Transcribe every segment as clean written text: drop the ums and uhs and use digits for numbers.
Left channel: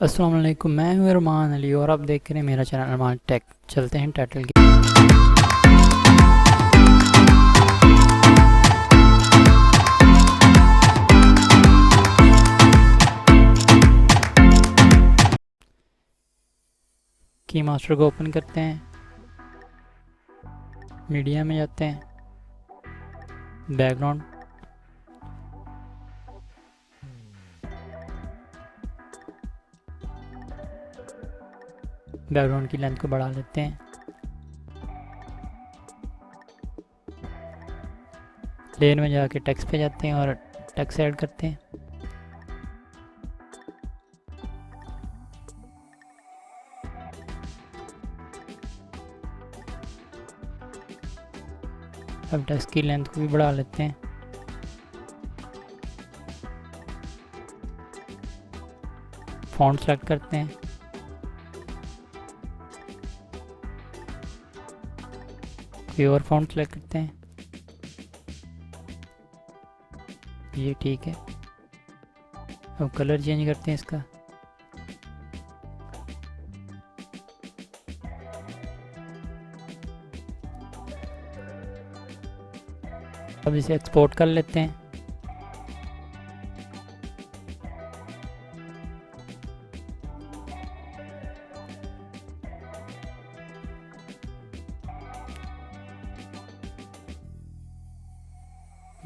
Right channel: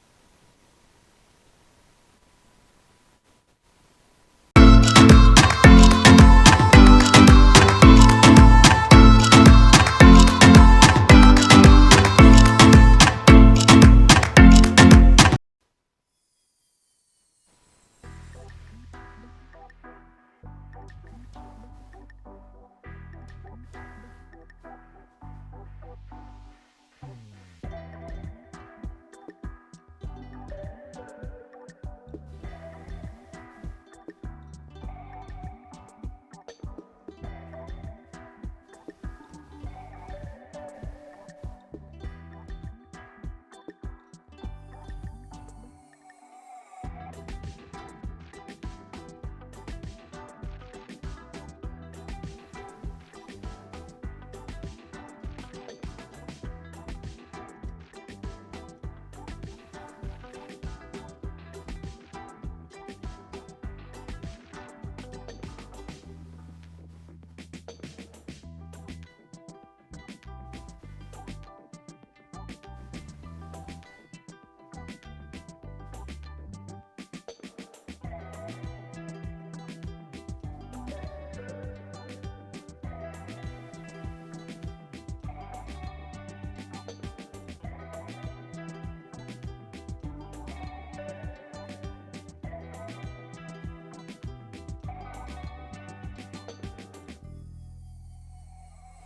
अस्सलाम वालेकुम, मैं हूँ अरमान अली और आप देख रहे हैं मेरा चैनल अरमान टेक। चलते हैं टाइटल की। की मास्टर को ओपन करते हैं, मीडिया में जाते हैं, बैकग्राउंड, बैकग्राउंड की लेंथ को बढ़ा लेते हैं, लेयर में जाके टेक्स्ट पे जाते हैं और टेक्स्ट ऐड करते हैं। अब टेक्स्ट की लेंथ को भी बढ़ा लेते हैं। फॉन्ट सेलेक्ट करते हैं, प्योर फॉन्ट सेलेक्ट करते हैं, ये ठीक है। अब कलर चेंज करते हैं इसका, अब इसे एक्सपोर्ट कर लेते हैं।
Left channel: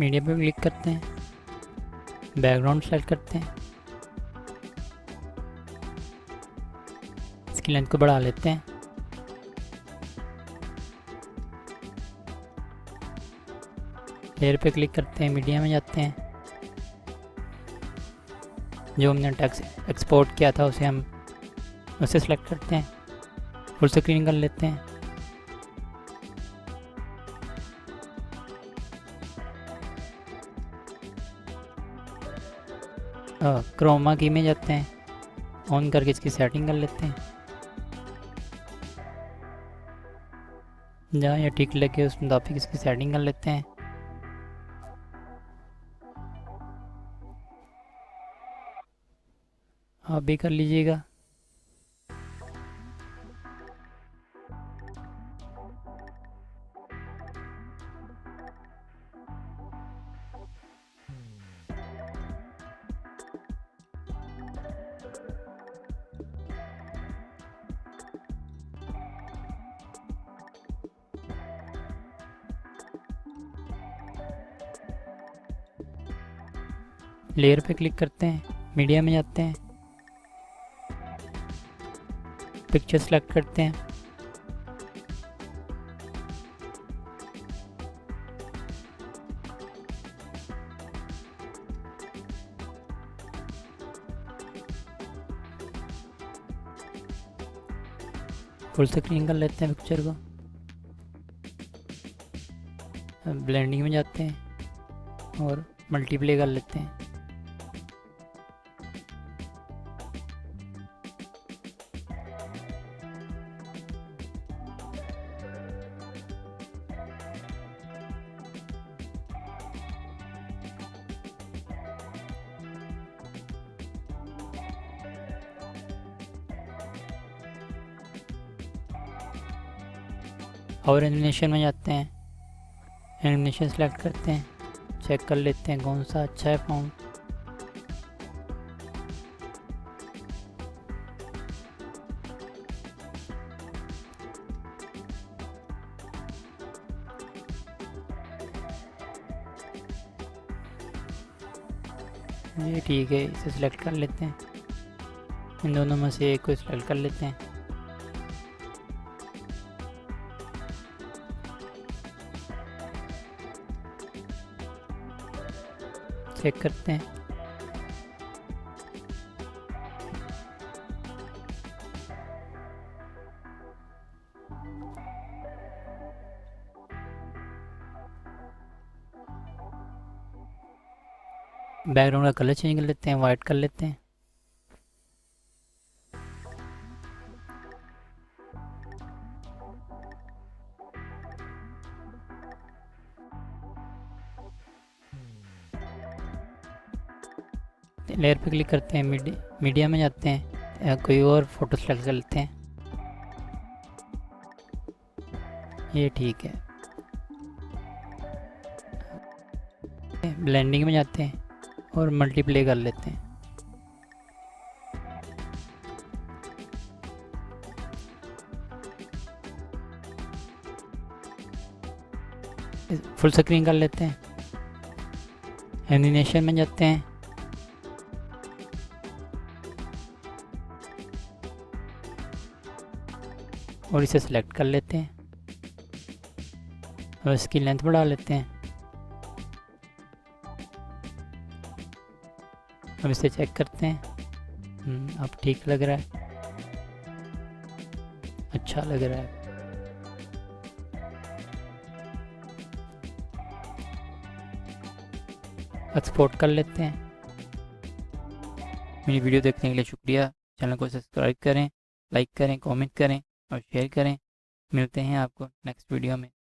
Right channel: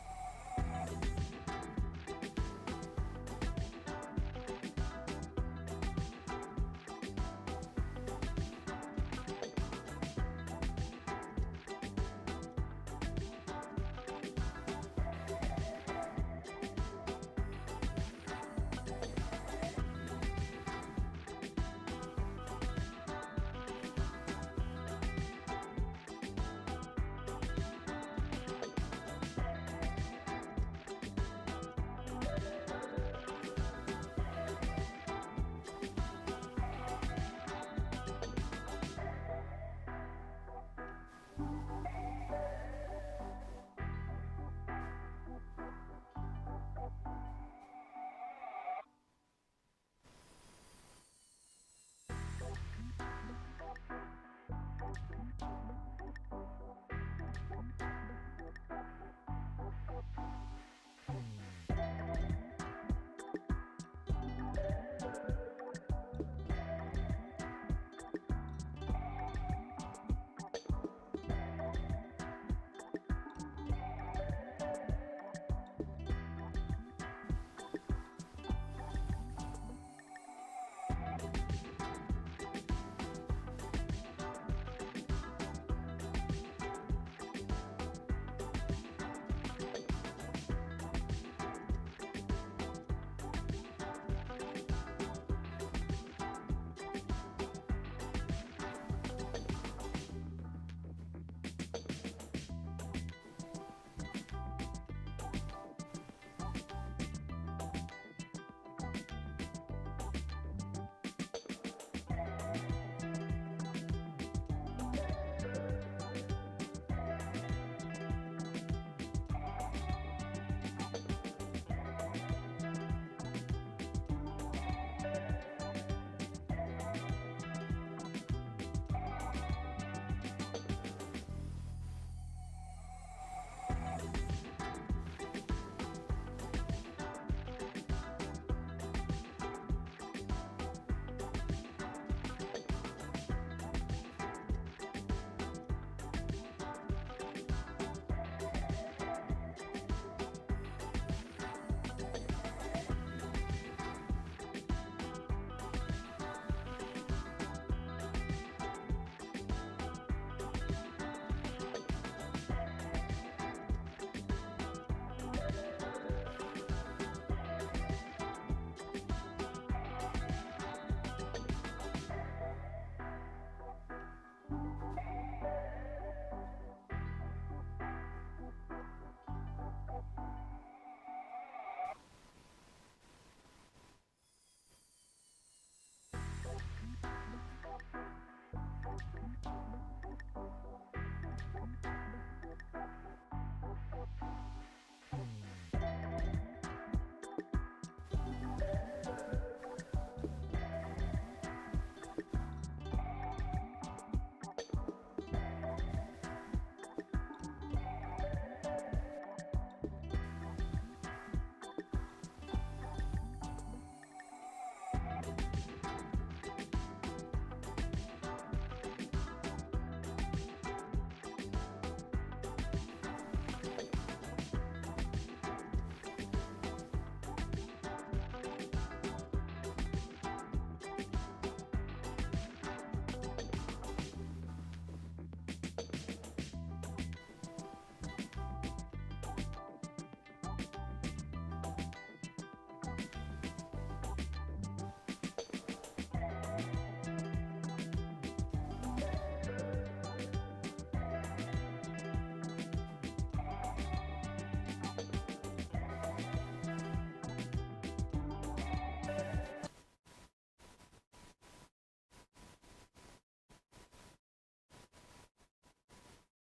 मीडिया पे क्लिक करते हैं, बैकग्राउंड सेलेक्ट करते हैं, इसकी लेंथ को बढ़ा लेते हैं। लेयर पे क्लिक करते हैं, मीडिया में जाते हैं, जो हमने टेक्स्ट एक्सपोर्ट किया था उसे सेलेक्ट करते हैं, फुल स्क्रीन कर लेते हैं। क्रोमा की में जाते हैं, ऑन करके इसकी सेटिंग कर लेते हैं। जहाँ ये ठीक लगे उस मुताबिक इसकी सेटिंग कर लेते हैं। आप भी कर लीजिएगा। लेयर पे क्लिक करते हैं, मीडिया में जाते हैं, पिक्चर सेलेक्ट करते हैं, फुल स्क्रीन कर लेते हैं पिक्चर को। ब्लेंडिंग में जाते हैं और मल्टीप्ले कर लेते हैं। और एनिमेशन में जाते हैं, एनिमेशन सेलेक्ट करते हैं, चेक कर लेते हैं कौन सा अच्छा है फॉन्ट। ये ठीक है, इसे सिलेक्ट कर लेते हैं। इन दोनों में से एक को सिलेक्ट कर लेते हैं। चेक करते हैं। बैकग्राउंड का कलर चेंज कर लेते हैं, वाइट कर लेते हैं। लेयर पे क्लिक करते हैं, मीडिया में जाते हैं, या कोई और फ़ोटो सेलेक्ट कर लेते हैं। ये ठीक है। ब्लेंडिंग में जाते हैं और मल्टीप्ले कर लेते हैं। फुल स्क्रीन कर लेते हैं। एनिमेशन में जाते हैं और इसे सिलेक्ट कर लेते हैं और इसकी लेंथ बढ़ा लेते हैं। अब इसे चेक करते हैं। अब ठीक लग रहा है, अच्छा लग रहा है। एक्सपोर्ट कर लेते हैं। मेरी वीडियो देखने के लिए शुक्रिया। चैनल को सब्सक्राइब करें, लाइक करें, कमेंट करें और शेयर करें। मिलते हैं आपको नेक्स्ट वीडियो में।